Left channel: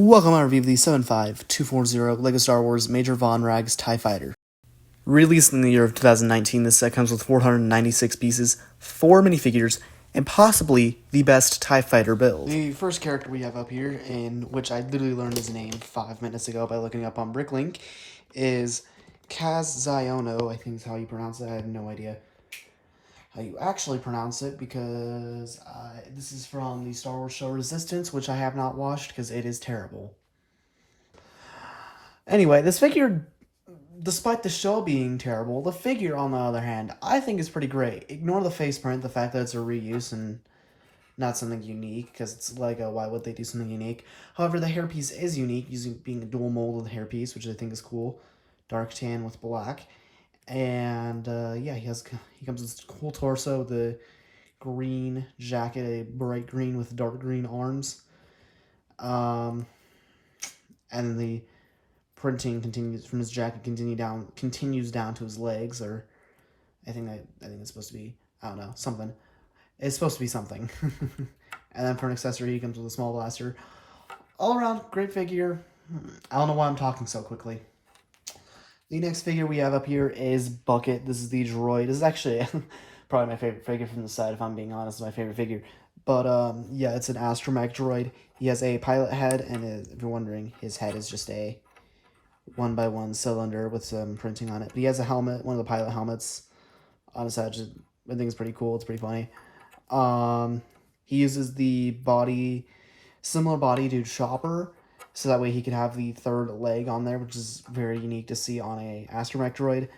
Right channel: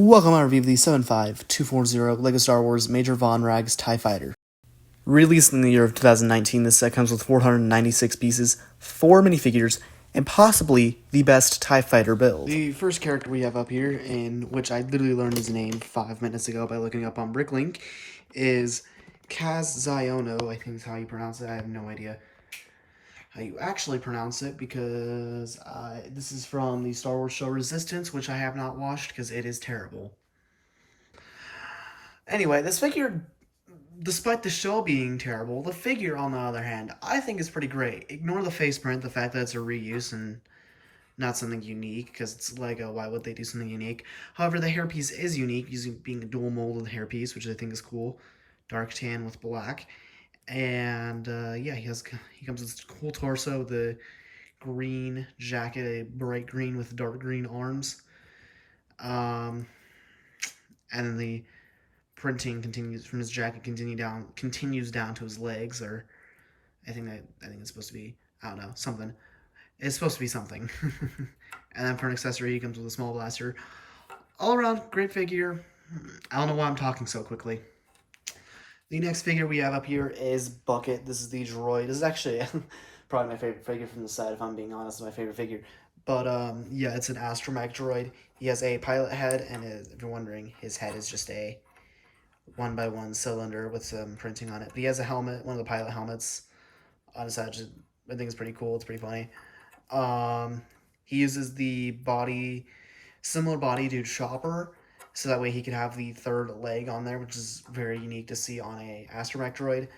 Welcome to our review of the 75240 LEGO Star Wars Major Vonreg's TIE Fighter. Released in the year of 2019, this set comes with 496 pieces, 4 minifigures, and possibly the best TIE Fighter build. The first character we have up here, in which I literally learned his name 5 minutes ago by looking up on Bricklink, is Kaz Ziono, I think is how you pronounce it. I have no idea how you actually pronounce it, because this is from the Star Wars show Resistance, which I have not watched because it is terrible. Anyway, this figure, despite the show being terrible, the figure, on the other hand, I think is pretty great. Ignore the face print, the fact that it's a reuse and not something unique, because it's Lego, why would they do something unique? However, the hairpiece is unique, being a dual molded hairpiece, which I think is cool. Dark tan with black. And yeah, he comes with this cool torso with a green jacket, a bright green with dark green arms. And then the printing continues from his jacket, continues down to his legs, or I think it's supposed to be, I don't know, something. It's supposed to be something. And then for an accessory, he comes with a small blaster. All around, great figure. I don't know why I'm talking so quickly. The next figure we have up here is Bucket. This is the droid. This is actually probably my favorite figure from the set, if I'm being honest. It's my favorite figure. But yeah, it's an astromech droid. He has a pilot head, and if you're wondering, his head is just a 1x1 cylinder with some printing on it. But he has a helmet, one of the pilot helmets on his head. I think it's pretty cool. It's pretty funny. He uses the similar body to Chopper, so that way he can have the third leg on there, which is very unique to see on a astromech droid.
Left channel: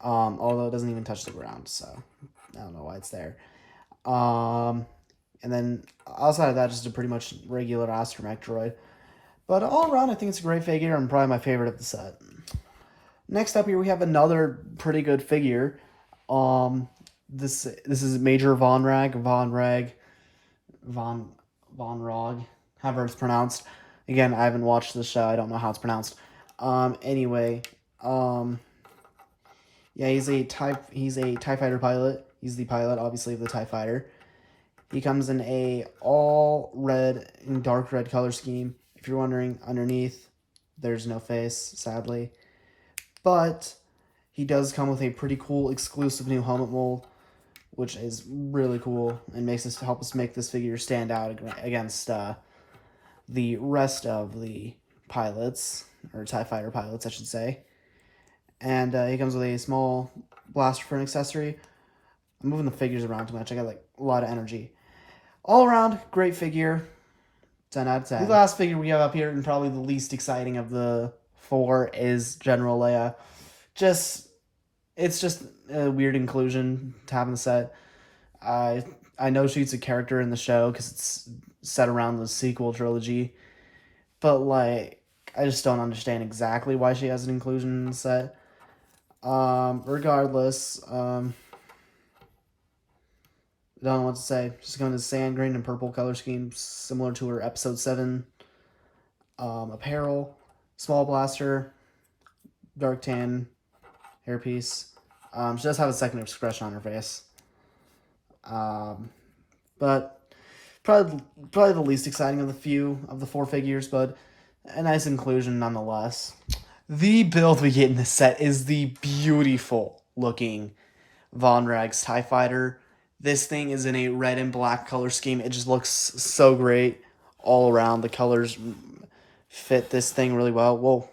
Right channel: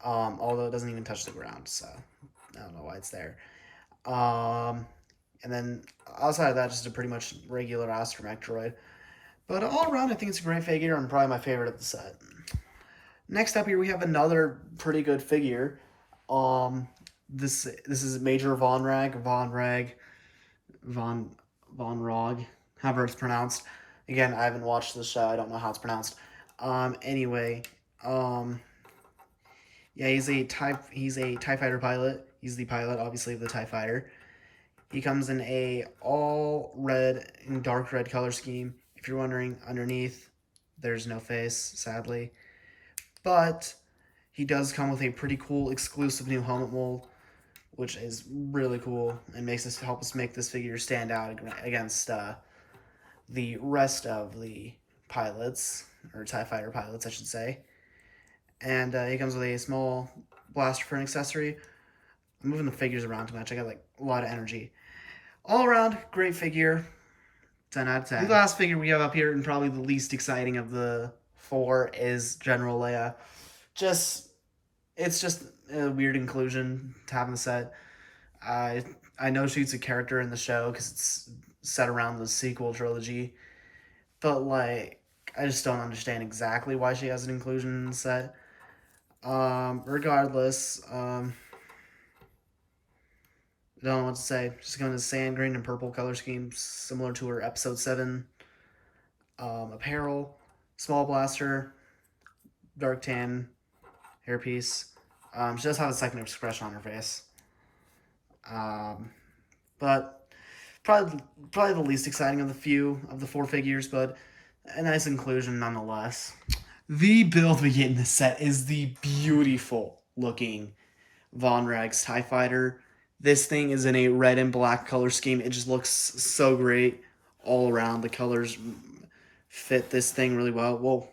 Although it doesn't even touch the ground, so I don't know why it's there. And then outside of that, just a pretty much regular astromech droid. But all around, I think it's a great figure and probably my favorite of the set. Next up here, we have another pretty good figure. This is Major Vonreg, Vonreg, however it's pronounced. Again, I haven't watched the show. I don't know how it's pronounced. Anyway, yeah, he's a TIE Fighter pilot. He's the pilot, obviously, of the TIE Fighter. He comes in a all red and dark red color scheme. If you're wondering, underneath, there's no face, sadly. But he does come with a pretty cool exclusive new helmet mold, which is really cool and help us make this figure stand out against the rest of the pilots, or TIE Fighter pilots, I should say. And he comes with a small blaster for an accessory. I'm moving the figures around too much. I got like a lot of energy. All around, great figure. 10 out of 10. The last figure we have up here, and probably the least exciting of the 4, is General Leia. It's just a weird inclusion to have in the set. I know she's a character in the show because it's set around the sequel trilogy, but like I just don't understand exactly why she has an inclusion in the set. Regardless, don't know what to say. Just going to sand green and purple color scheme, similar to her Episode 7 apparel, small blaster, dark tan hairpiece. She does have a second expression on her face. But probably the least exciting of the 4 figures, but a nice inclusion nonetheless. The build we get in this set is the beautiful looking Vonreg's TIE Fighter. This thing is in a red and black color scheme. It just looks so great all around. The colors fit this thing really well. Whoa,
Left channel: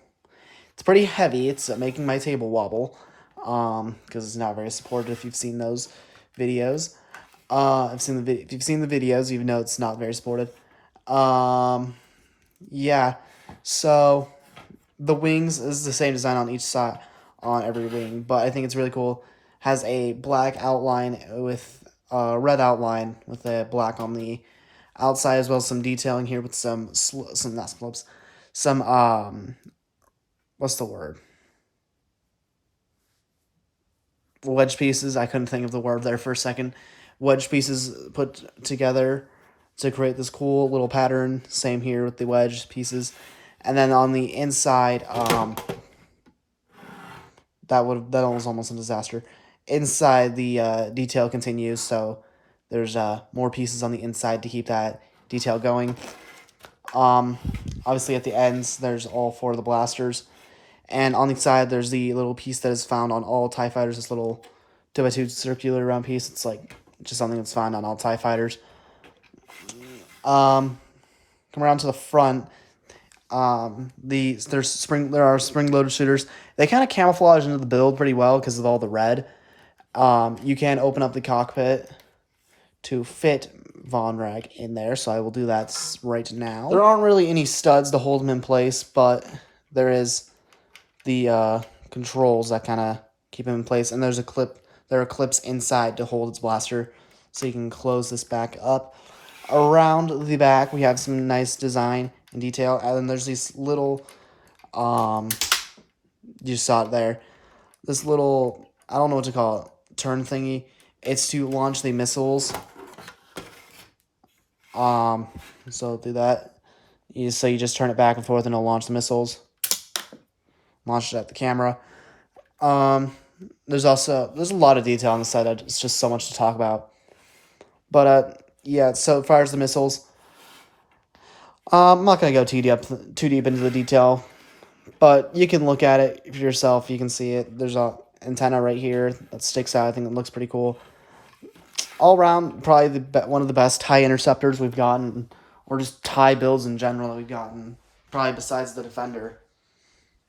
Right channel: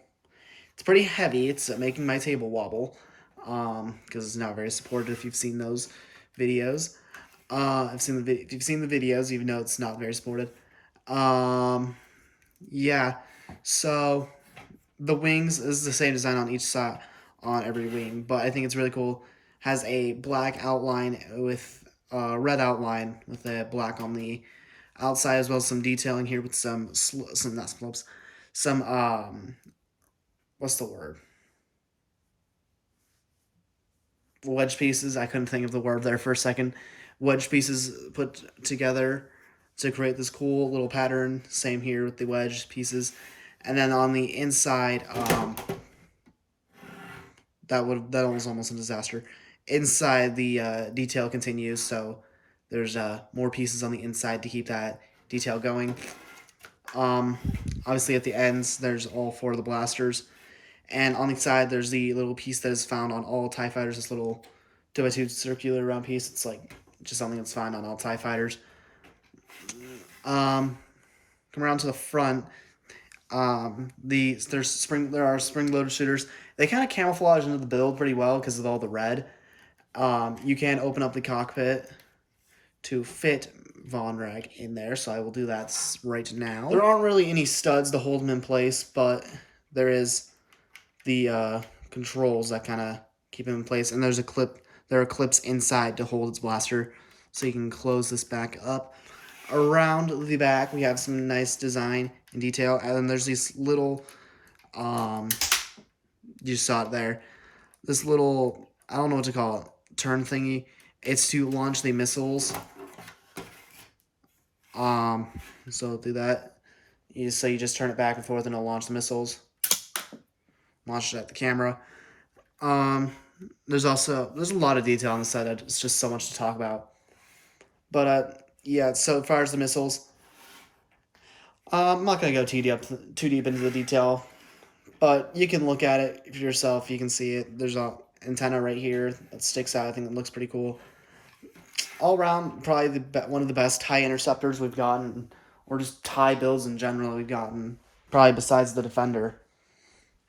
it's pretty heavy. It's making my table wobble, because it's not very supportive if you've seen those videos. If you've seen the videos, you know it's not very supportive. Yeah, so the wings is the same design on each side, on every wing, but I think it's really cool. Has a black outline with red outline with a black on the outside, as well as some detailing here with some not slopes, some what's the word? Wedge pieces. I couldn't think of the word there for a second. Wedge pieces put together to create this cool little pattern. Same here with the wedge pieces. And then on the inside, that was almost a disaster. Inside, the detail continues, so there's more pieces on the inside to keep that detail going. Obviously, at the ends, there's all 4 of the blasters. And on the side, there's the little piece that is found on all TIE fighters, this little 2x2 circular round piece. It's like just something that's found on all TIE fighters. Come around to the front. There are spring-loaded shooters. They kind of camouflage into the build pretty well because of all the red. You can open up the cockpit to fit Vonreg in there, so I will do that right now. There aren't really any studs to hold them in place, but there is the controls that kind of keep him in place, and there are clips inside to hold its blaster, so you can close this back up. Around the back, we have some nice design and detail, and then there's these little, you saw it there, this little, I don't know what to call it, turn thingy. It's to launch the missiles. So do that. So you just turn it back and forth, and it'll launch the missiles. Launch it at the camera. There's a lot of detail on the side. It's just so much to talk about. But yeah. So as far as the missiles, I'm not gonna go too deep into the detail, but you can look at it for yourself. You can see it. There's a antenna right here that sticks out. I think it looks pretty cool. All around, probably one of the best TIE interceptors we've gotten, or just TIE builds in general we've gotten, probably besides the Defender.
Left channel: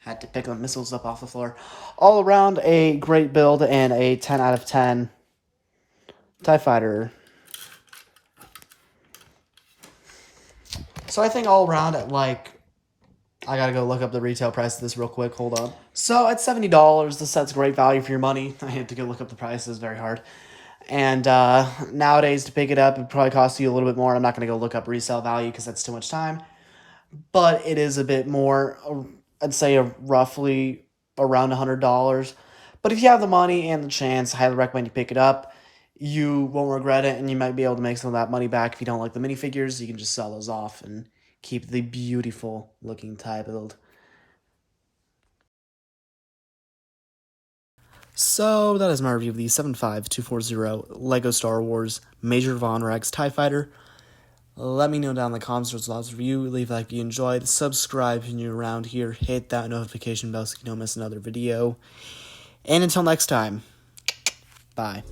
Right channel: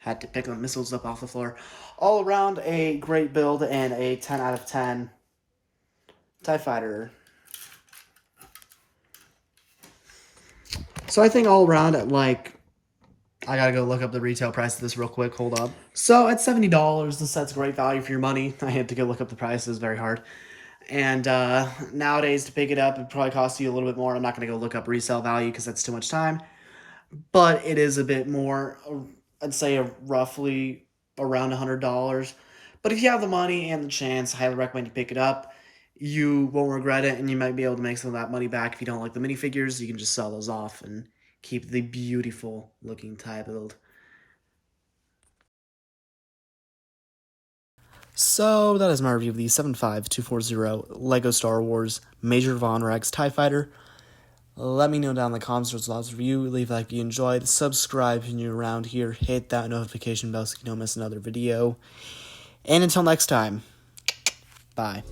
Had to pick the missiles up off the floor. All around, a great build and a 10 out of 10 TIE fighter. So I think all around, I gotta go look up the retail price of this real quick. Hold up. So at $70, this set's great value for your money. I had to go look up the price. It was very hard. And nowadays, to pick it up, it'd probably cost you a little bit more. I'm not going to go look up resale value because that's too much time. But it is a bit more, I'd say roughly around $100. But if you have the money and the chance, I highly recommend you pick it up. You won't regret it, and you might be able to make some of that money back. If you don't like the minifigures, you can just sell those off and keep the beautiful looking TIE build. So that is my review of the 75240 LEGO Star Wars Major Vonreg's TIE Fighter. Let me know down in the comments what's the review. Leave a like if you enjoyed. Subscribe if you're around here. Hit that notification bell so you don't miss another video. And until next time, bye.